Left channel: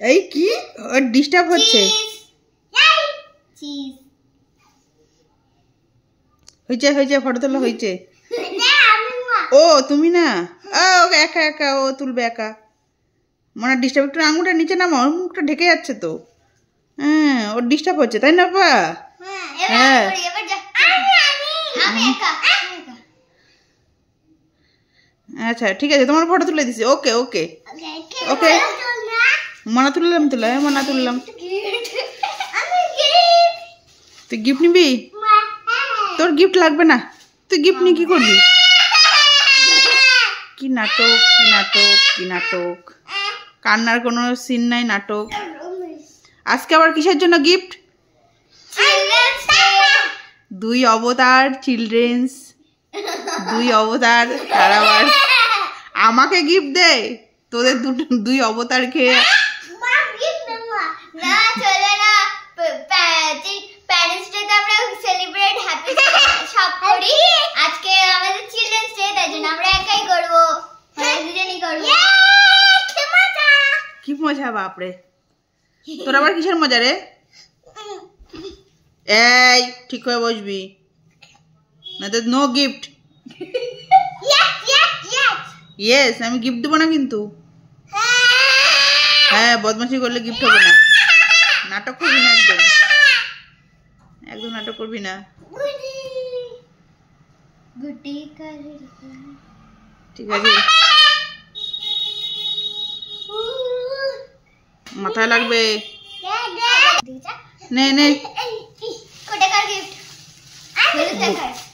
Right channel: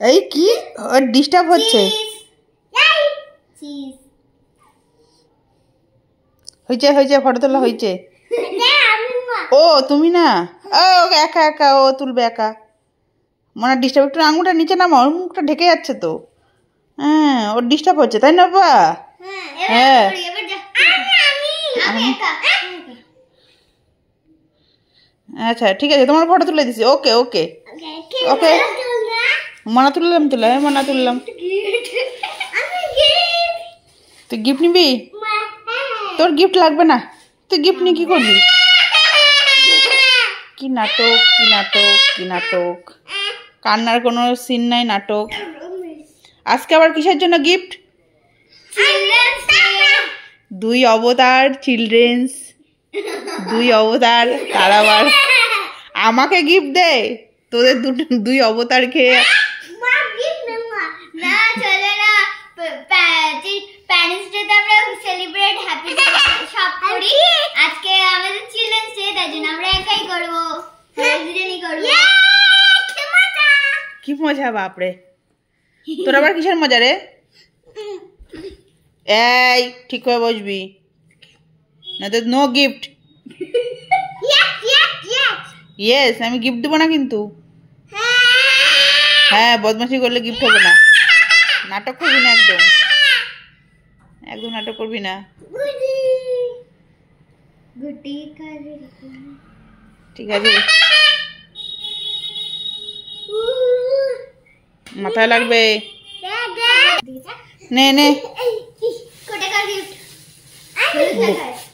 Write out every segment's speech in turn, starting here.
এই কি ওর ডিস্টার্ব হচ্ছে হয়েছে হয়েছে ফটো তোলা হয়েছে ও তুমি না ও একা একা ও তুলবে একা মনে ডিস্টার্ব একটু আঙুলটা নিচে নামা ওর মুখটা ঢেকে যাচ্ছে তো হ্যাঁ ওর ডিস্টার্ব হচ্ছে তাই না বাবা হ্যাঁ আচ্ছা ঠিক আছে তোমার ফটো তুলে দিছি ওকে ওকে ওকে মনা তুললাম মনা তুললাম তুই গিফট নিবি তোর গিফট লাগবে না তুই গিফট নিয়ে কি করবি কি নাটক কি নাটক কি নাটক কান্নার কোনো সিন নাই নাটক আজকে আবার কিসের জন্য গিফট দুই অবতার চিলড্রেন্স দুই অবতার তার আবার আমাকে গিফট দে তোদের দুই অবতার খেয়ে কি মজা বাপরে তোর আবার কিসের মজা রে এই ঠিক হয়ে বসবি না তো নো গিফট ইয়েস আমি গিফট দেবো না কিন্তু হ্যাঁ বদমাশি করলে গিফট হবে না নাটক করবি না একদম একদম নাটক করবি না ঠিক আছে মাথায় লাগবে নে নে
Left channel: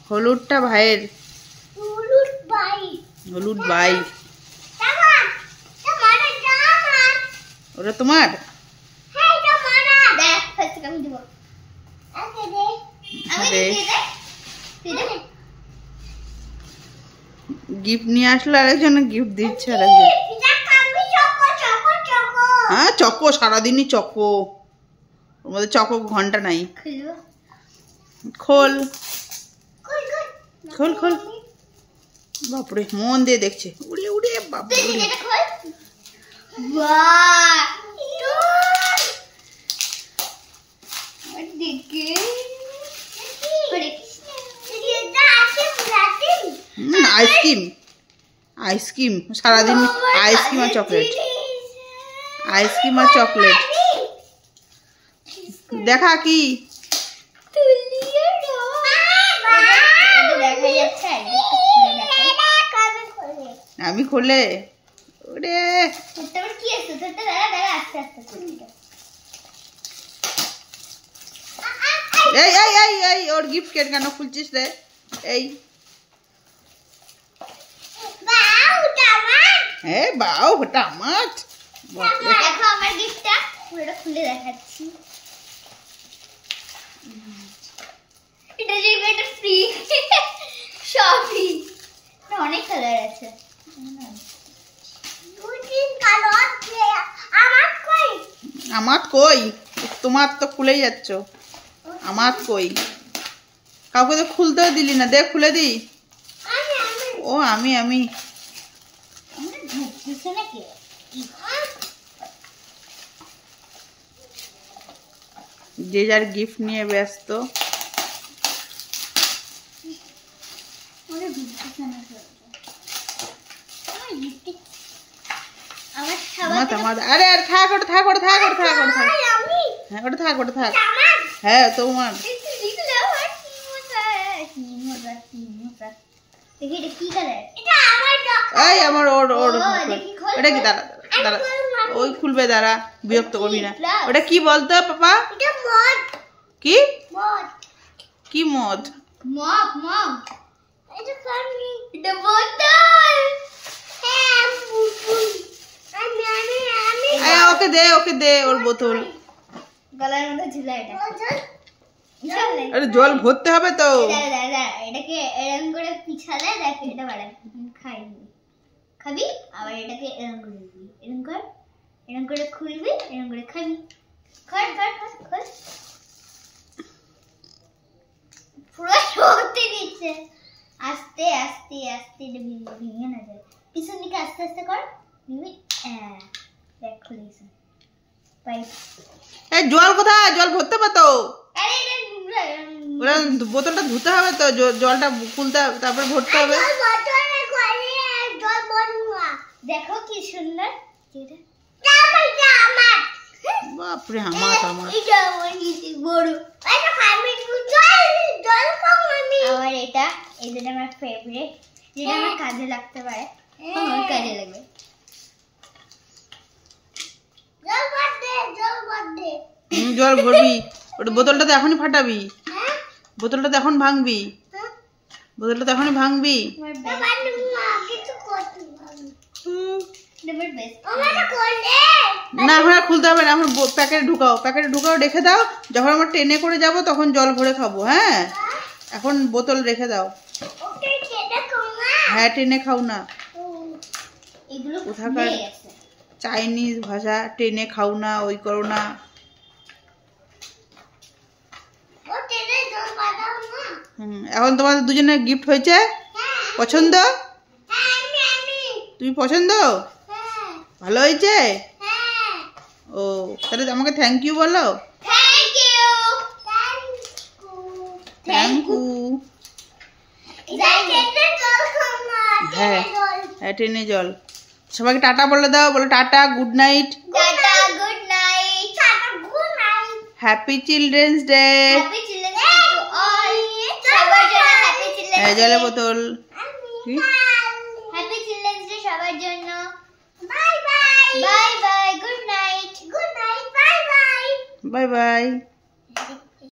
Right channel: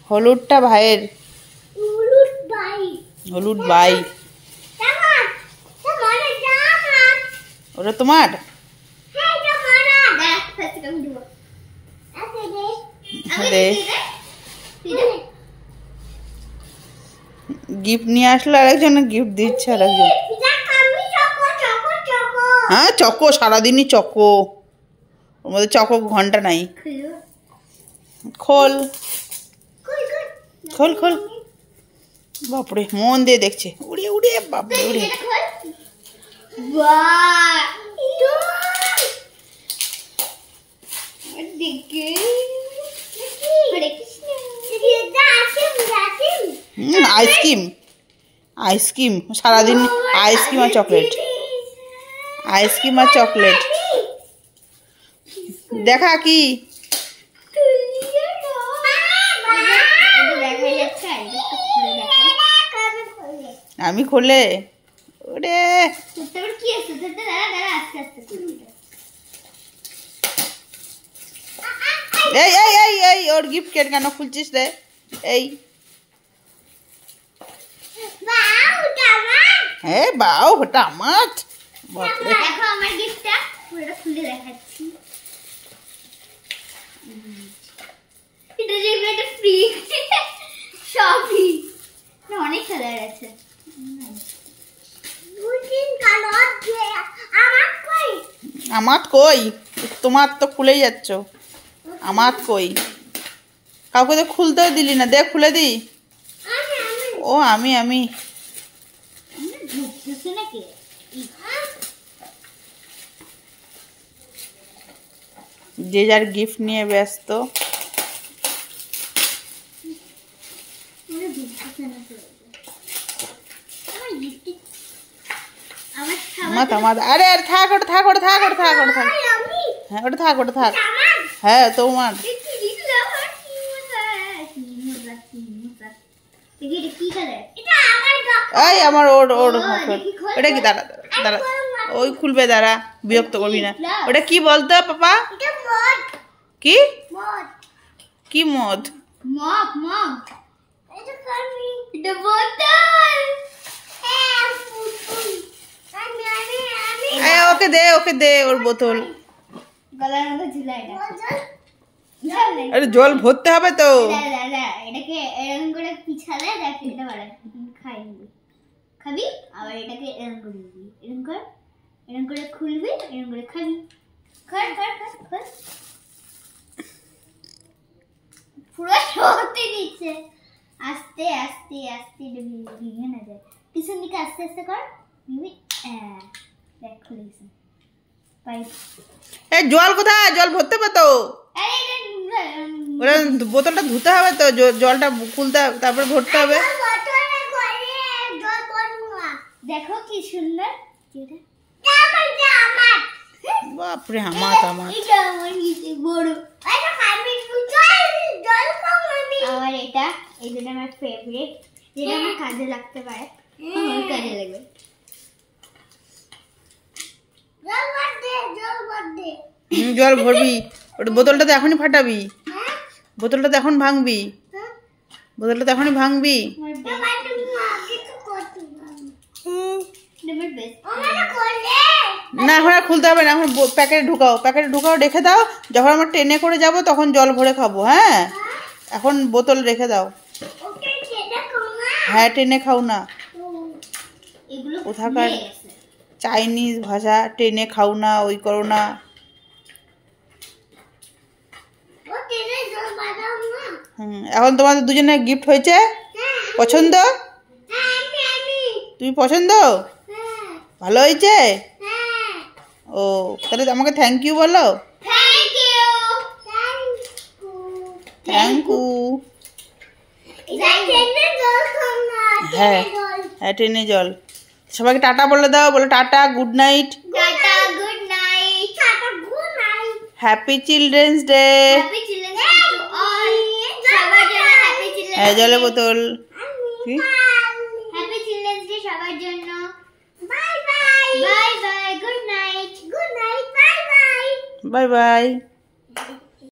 হলুদটা ভাইয়ের হলুদ ভাই ওটা তোমার গিফট নিয়ে আসলো আরেকজন গিফট দিচ্ছে আরেকজন হ্যাঁ চকো সারাদিনই চকো ওর মধ্যে চকো ঘন্টা নাই খোল খোল খোল বাপরে মন দিয়ে দেখছে উড়ে উড়ে বাপরে উড়ে আইসক্রিম আইসক্রিম সারাদিন আইসক্রিম আর চকলেট আইসক্রিম আর চকলেট দেখা কি আমি খুলে ওরে এই এই এই এই ওর গিফট কেন খুলছিস রে এই হ্যাঁ বাও ওটা আমার বাপরে দেখো আমার গিফটটা পুরোটা খুলে দেখাচ্ছি এটা যে একটা ফ্রি শপিং না অনেক কালার আছে দুই তিন কালার আছে আমার কই তোমার তো খুলেই যাচ্ছ আমার কই কাউকে তো খুলতেও দিলি না দেখ খুলে দি ও আমি যে যার গিফট নিয়ে ব্যস্ত আরে আরে থাক ওটা থাক ওটা থাক ওটা থাক ওটা থাক হ্যাঁ ওটা থাক ওটা থাক হ্যাঁ তোমার এই আমার ওর ওর ওটা কি দাঁড়া দাঁড়া ওই খুলবে দাঁড়া বিরক্ত করবি না ওটা কি বলতো পাপা কি কি মদ মগ মগ এটা কামি এটা বোতল হ্যাঁ ফুটফুল আমি ওকে দে ওর বোতল গলার মধ্যে ঝুলা এটা আরে জল ভরতে হবে তো এটাকে এরকম করে পিছালে দেখ এটা বাড়া খাই খাবি আবার এটাকে এরকম করে দিবি এরকম করে খুলবি এরকম করে খাবি খর পুরো সত্যি দিচ্ছে আস্তে আস্তে আস্তে ভেঙে না যায় পিছন দিকে আস্তে আস্তে কর দিবি দেখ খুলে গেছে পাইপ। এই জল কোথায়? জল ভরতে হবে তো। আরে ওরা বোতলটা ধুতে হবে তো, জলটা খুলতে হবে, তারপর ভরতে হবে। দেখো কি সুন্দর। বাপরে আমার আমার আর এটা যেটা আমার ফেভারিট, যেটা আমার কাজে লাগতে পারে, আমার কাজে লাগবে। জল ভরবি, ওটা বোতলটা তো এখনই ফাটাবি, বোতলটা তো এখন ভাঙবি, বোতলটা তো এখনই ভাঙবি। না এখন আর খুলতে হবে না, এখন প্যাকেটে ঢুকাও, প্যাকেটে ঢুকাও, রেখে দাও। যখন আমরা ট্রেনে করে যাব তখন জল ভরে খাবো। হ্যাঁ, এখন বোতল রেখে দাও। হ্যাঁ, ট্রেনে খাও না। কোথাকার চাইনিজ ভাষা, ট্রেনে খাও না, ওই করো না। এখন তোমাদের দুজনে গিফট হয়েছে, পছন্দ? তুমি পছন্দ? ভালো হয়েছে? ও তাহলে আমাকে থ্যাংক ইউ বলো। Thank you. হ্যাঁ হ্যাঁ, ট্রেনে জল। সবাইকে টাটা বলে দাও, বলো ta-ta, good night. Happy children's day. হ্যাঁ, জলের বোতল। কি? হ্যাপি চিলড্রেন্স ডে সবার জন্য। Bye bye, bye bye, good night, bye bye. Bye by.